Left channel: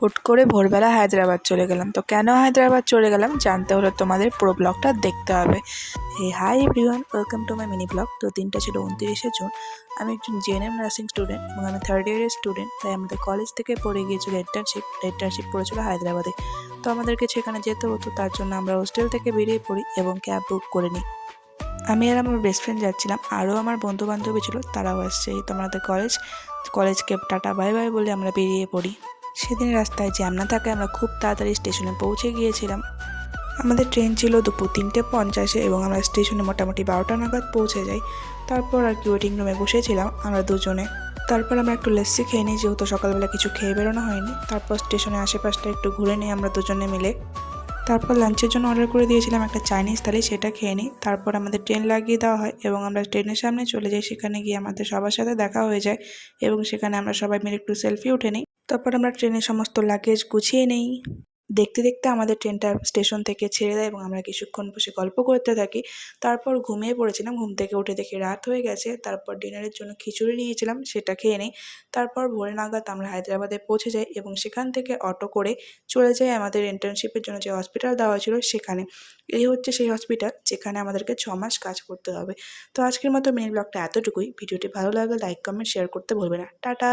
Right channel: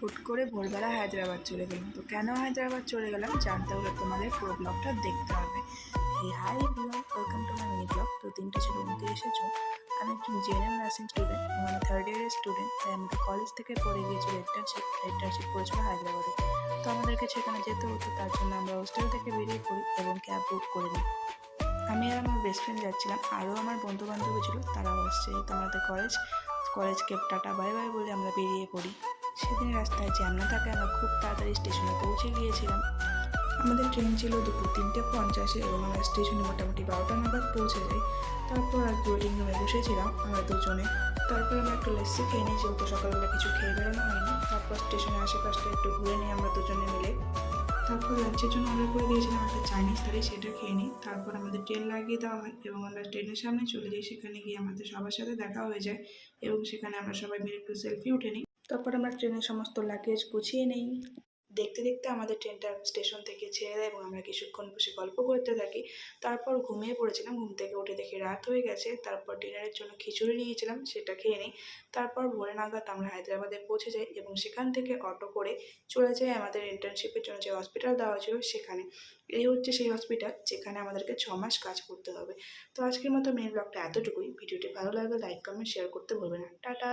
হুট করে ভোরবেলা হায়দ্রাবাদ চলে গেলাম। তো কেন হায়দ্রাবাদ চলে গেলাম জানতে হলে তোমাদের পুরো ব্লগটা দেখতে হবে। Hi everyone, welcome to my mini blog. তো দিনটা ছিল 29শে জুন। আমি একজন জিএনএম নার্সিং স্টুডেন্ট এবং আমি থার্ড ইয়ারের স্টুডেন্ট। তাই আমাদের কলেজ থেকে পড়ে গিয়েছিল ইন্টার্নশিপ পড়েছিল হায়দ্রাবাদে। তো আমাদেরকে সেখানে যেতে হতো, তার জন্য আমরা হোস্টেল থেকে বেরিয়ে পড়ি এবং ক্যাব বুক করে নিই। আমি আর আমার বেস্ট ফ্রেন্ড যাচ্ছিলাম, আরও আমার বন্ধু বান্ধবী ছিল, তারাও আসছে। এই তো আমাদের কলেজকে টাটা বাই বাই বলে আমরা বেরিয়ে পড়ি। সেদিন রাস্তায় জ্যাম না থাকায় আমরা খুব তাড়াতাড়ি স্টেশনে পৌঁছে গিয়েছিলাম। আমাদের ট্রেন ছিল দুপুর 3:50 এবং আমরা স্টেশনে মোটামুটি 12টা নাগাদ পৌঁছে যাই। তারপর আর কি ওয়েটিং রুমে বসেছিলাম আমরা দুজনে। তারপর আমরা একটু লস্যি খেয়ে নিই, যেহেতু সকালবেলা কিছু খেয়ে বেরোনো হয়নি। তারপর স্টেশনের আশেপাশটা একটু ঘুরে নিই আমরা দুজনে মিলে। তারপর লাঞ্চের জন্য অর্ডার করে দিয়েছিলাম একটা চাইনিজ থালি, সেটা খেয়ে নিই। তারপর আমাদের ট্রেন লাগিয়ে দেওয়া হয় এবং আমরা ট্রেনের সামনে চলে যাই। সেখানে গিয়ে আমাদের সবার সাথে দেখা হয়ে যায় এবং সেখানে আমরা সবাই মিলে একটু সেলফি উঠে নিই। তারপর আমরা ট্রেনের সমস্ত লাগেজ গুছিয়ে নিই। দেখতে দেখতে আমাদের ট্রেনটা স্টেশন থেকে ছেড়ে দেয় এবং আমরা কিছুক্ষণ বসে গল্প করতে থাকি। তারপর ঘুমিয়ে পড়েছিলাম। ঘুম থেকে উঠে দেখি রাত হয়ে গেছে। তারপর ডিনারের জন্য খিচুড়ি নিয়েছিলাম, সেটা খেয়ে নিই। তারপর ভোরে নাগাদ আমরা হায়দ্রাবাদে পৌঁছে যাই এবং সেখান থেকে অটো করে চলে যাই আমাদের ইন্টার্নশিপের জন্য যে হসপিটাল দেওয়া ছিল সেখানে। এই হচ্ছে সেই হসপিটাল যেখানে আমাদেরকে 6 মাস কাজ করতে হবে। তো আজকের মতো মিনি ব্লগটা এতটুকুই। ভিডিওটি ভালো লাগলে লাইক, কমেন্ট, শেয়ার করতে ভুলবে না। টাটা।